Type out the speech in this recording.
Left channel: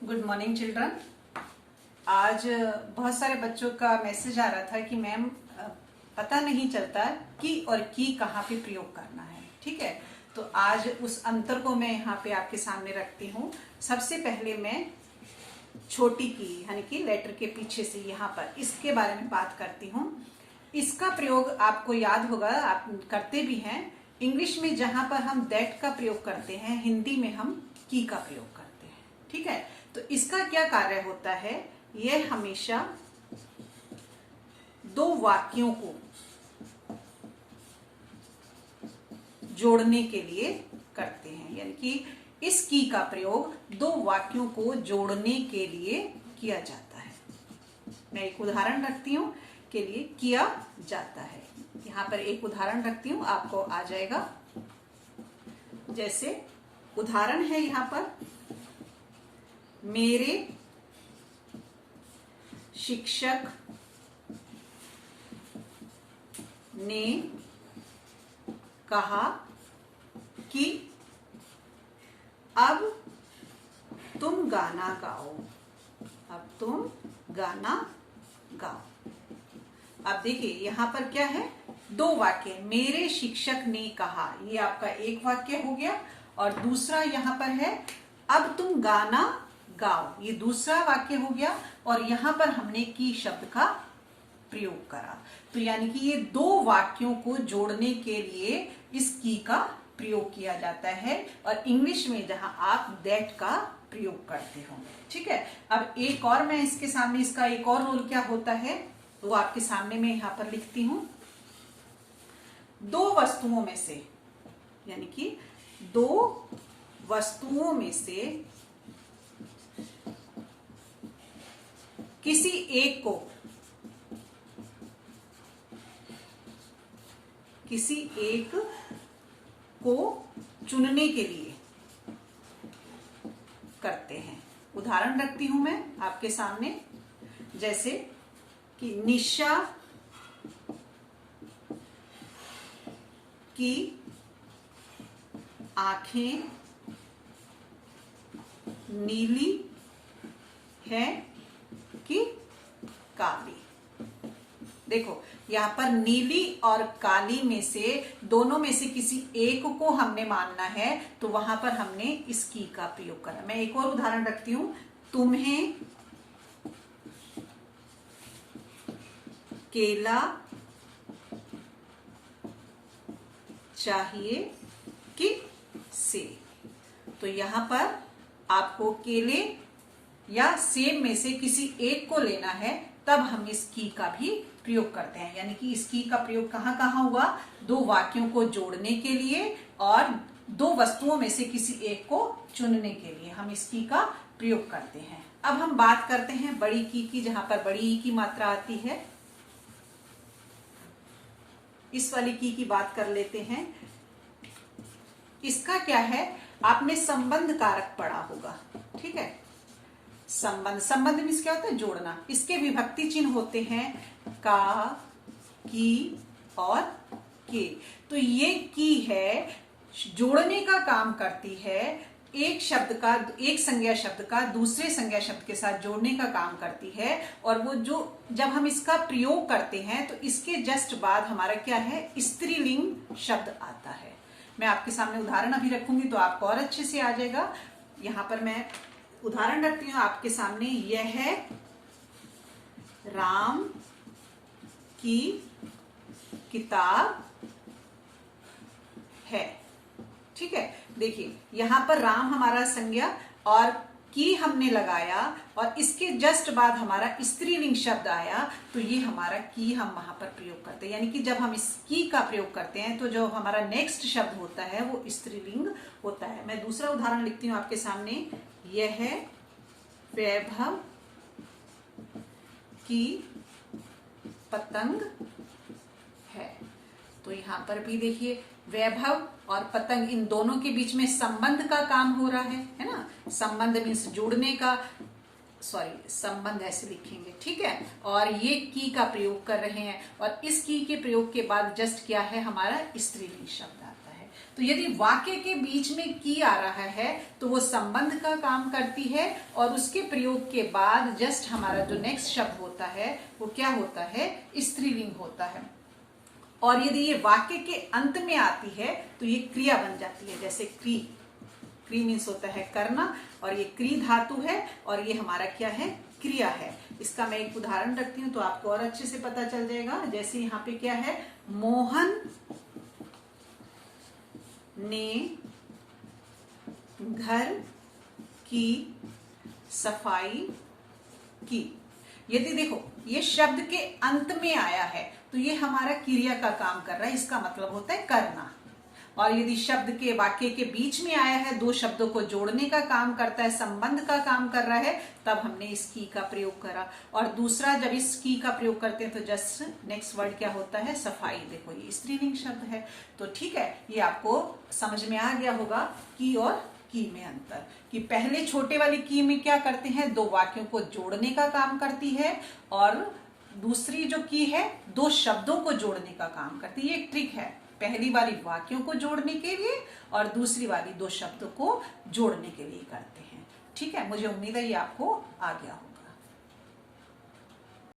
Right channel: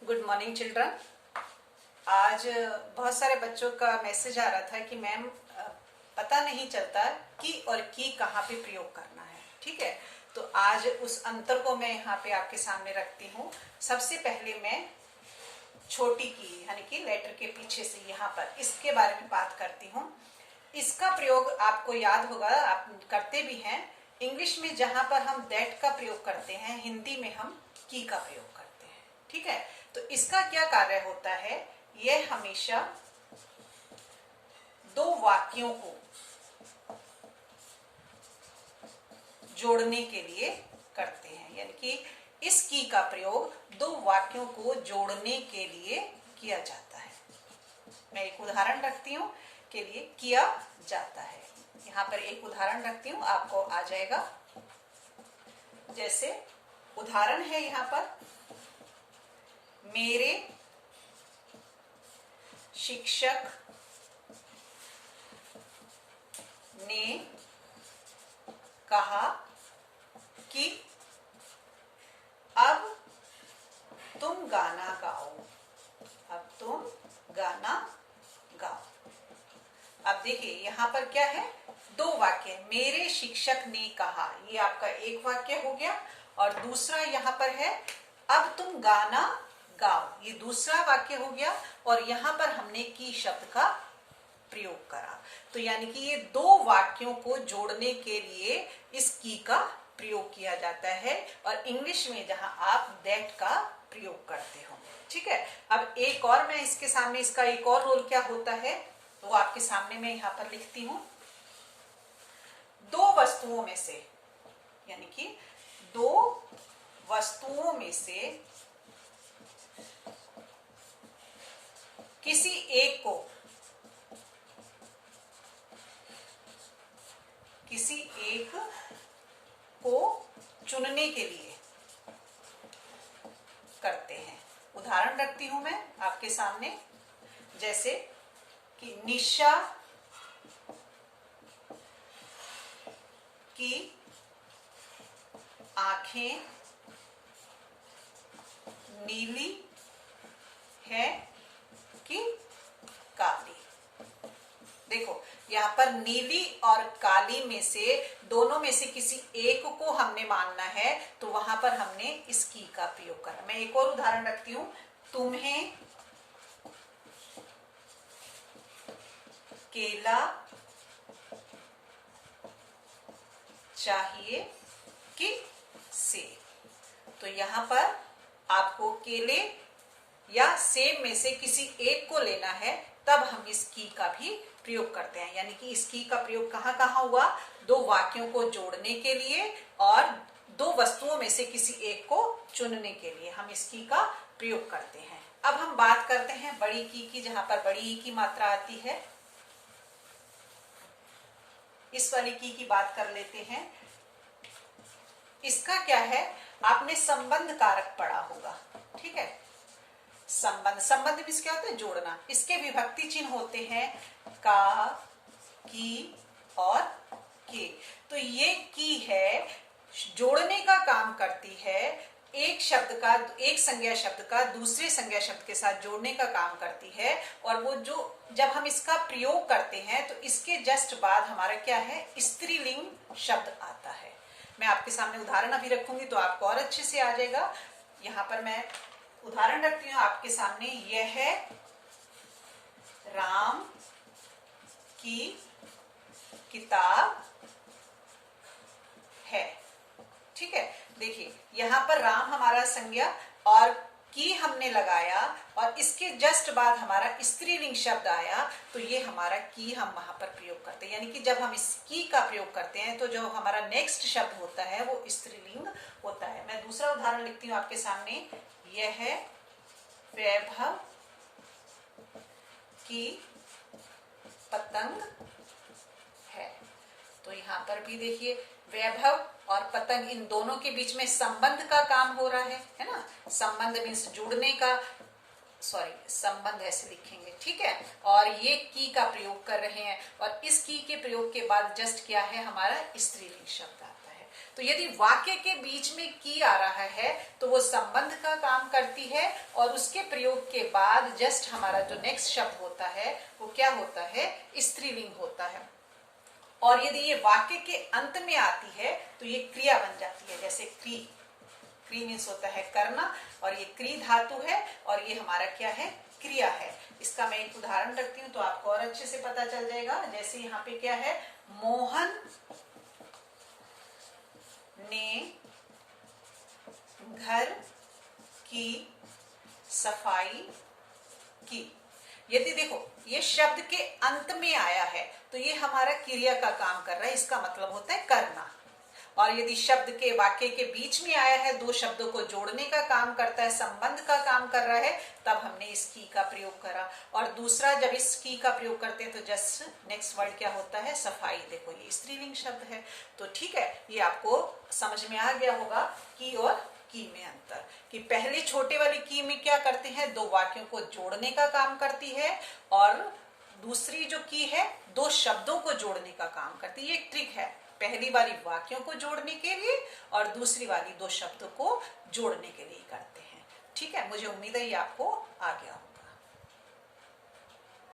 Good morning children. आज बहुत सारे बच्चों का मैसेज आ रहा था कि मैम पता नहीं चलता कि और की कहाँ पे प्रयोग करना है। ठीक है, तो आज उस अंतर को मैं यहाँ पे आपके सामने रखती हूँ। सबसे पहले मैं छोटी की यानी कि लेटर के पीछे से यहाँ पर इसके बारे में बात करती हूँ। इसका प्रयोग आपको याद होगा, आप करते भी हैं। इंग्लिश में जहां पर हम दैट का प्रयोग करते हैं, हिंदी में हम की का प्रयोग करते हैं। ठीक है, तो इसका क्या कार्य होता है, यह हमेशा दो वाक्यों को जोड़ने के लिए करते हैं। यानी कि इस की का प्रयोग दो वाक्यों को जोड़ने के लिए किया जाता है। मैं एक उदाहरण रखती हूं के लिए किया जाता है। यहां पर एक उदाहरण रखती हूं, आपको आ जाएगा। जैसे उदाहरण है यहां पर, मेरे शिक्षक ने कहा कि अब तुम गाना गाओ। अब तुम गाना गाओ। अब देखिए यहां पर क्या है, दो वाक्य। मेरे शिक्षक ने कहा, ये आपका एक वाक्य हो गया, और दूसरा यहां पर है अब तुम गाना गाओ, ये दूसरा वाक्य हो गया। और यहां पर हमने की शब्द का प्रयोग करा। तो यानी कि ये दो वाक्यों को जोड़ने के लिए इस की का प्रयोग किया जाता है, और इंग्लिश में जहां आप दैट का प्रयोग करते होंगे। ठीक है, अब एक और मैं इसके सामने, इसका एक और रोल क्या होता है वो आपके सामने मैं यहां पर लिखती हूं। दो वस्तुओं में से, यानी कि दो वस्तुओं में से किसी एक को चुनने के लिए करते हैं। उदाहरण रखती हूं मैं आपके सामने, जैसे कि निशा की आंखें नीली है कि काली। देखो यहाँ पर नीली और काली में से, दोनों में से किसी एक को हमने मानना है, तो वहां पर हमने इस की का प्रयोग करा। मैं एक और उदाहरण रखती हूं, तुम्हें केला चाहिए कि सेब। तो यहां पर आपको केले या सेब में से किसी एक को लेना है, तब हम इस की का भी प्रयोग करते हैं। यानी कि इस की का प्रयोग कहां कहां हुआ, दो वाक्यों को जोड़ने के लिए और दो वस्तुओं में से किसी एक को चुनने के लिए हम इस की का प्रयोग करते हैं। अब हम बात करते हैं बड़ी की, जहां पर बड़ी ई की मात्रा आती है। इस वाली की बात कर लेते हैं। इसका क्या है, आपने संबंध कारक पढ़ा होगा। ठीक है, संबंध मीन्स क्या होता है, जोड़ना। इसके विभक्ति चिन्ह होते हैं का, की और के। तो ये की है, जोड़ने का काम करती है। एक शब्द का, एक संज्ञा शब्द का दूसरे संज्ञा शब्द के साथ जोड़ने का काम करती है। और वो जो जब हम इसका प्रयोग करते हैं तो इसके जस्ट बाद हमारा क्या है, स्त्रीलिंग शब्द आता है। मैं आपके सामने उदाहरण अभी रखूंगी तो आपको और अच्छे से आ जाएगा। यहां पर मैं उदाहरण रखती हूं आपके सामने। यह है राम की किताब है। ठीक है, देखिए यहां पर राम हमारा संज्ञा और की हमने लगाया, और इसके जस्ट बाद हमारा स्त्रीलिंग शब्द आया, तो ये हमारा की हम वहां पर प्रयोग करते हैं। यानी कि जब हम इस की का प्रयोग करते हैं तो जो हमारा नेक्स्ट शब्द होता है वो स्त्रीलिंग होता है। मैं दूसरा उदाहरण लिखती हूं आपके सामने। यह है वैभव की पतंग है। तो यहां पर भी देखिए वैभव और पतंग, इन दोनों के बीच में संबंध का काम हो रहा है ना। संबंध मीन्स जोड़ने का, संबंध ऐसे लिखेंगे। ठीक है, और ये की का प्रयोग कर रहे हैं, और इस की के प्रयोग के बाद जस्ट क्या है, हमारा स्त्रीलिंग शब्द आता है। तो यदि वाक्य के बीच में की आ रहा है तो वो संबंध का काम करती है, और उसके प्रयोग के बाद जस्ट हमारा जो नेक्स्ट शब्द होता है वो क्या होता है, स्त्रीलिंग होता है। और यदि ये वाक्य के अंत में आती है तो ये क्रिया बन जाती है, जैसे क्री। क्री मीन्स होता है करना, और ये क्री धातु है, और ये हमारा क्या है, क्रिया है। इसका मैं एक उदाहरण रखती हूँ तो आपको और अच्छे से पता चल जाएगा। जैसे यहाँ पे क्या है, मोहन ने घर की सफाई की। यदि देखो ये शब्द के अंत में आया है तो ये हमारा क्रिया का काम कर रहा है, इसका मतलब होता है करना। और यदि शब्द के वाक्य के बीच में आया है, दो शब्दों को जोड़ने का काम करता है, संबंध का काम कर रहा है, तब हमने इस की का प्रयोग करा। और दूसरा, जब इस की का प्रयोग करते हैं तो जस्ट नेक्स्ट वर्ड क्या होता है, सफाई। देखो ये स्त्रीलिंग शब्द है। तो ठीक है, ये आपको समझ में आ गया होगा की और की में अंतर, कि पहले छोटे वाली की में क्या करते हैं, दो वाक्यों को जोड़ने का काम करती है, और दूसरी जो की है दो शब्दों को जोड़ने का काम करती है। ये एक ट्रिक है, पहली वाली वाक्यों को जोड़ने के लिए और दूसरी वाली दो शब्दों को जोड़ने के लिए करते हैं। ठीक है, मुझे उम्मीद है ये आपको आ गया होगा।